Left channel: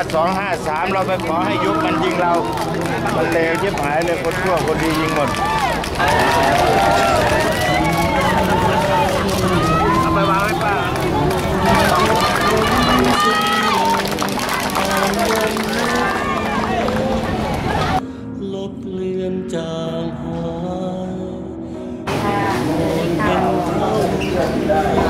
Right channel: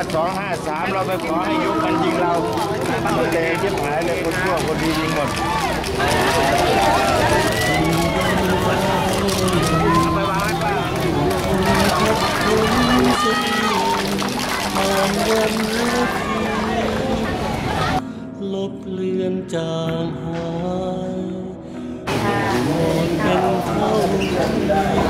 ไปขอให้ยุบมันยิงเรา มันเลวชิบหายเลยคนชั่วคนดียิงหมดเอาไปวางไว้ป่าลบเลือนจางหายหมดเป็นเท่า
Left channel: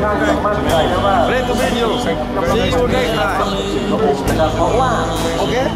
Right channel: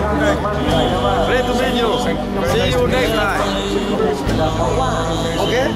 Great to meet you. See you next time. Okay?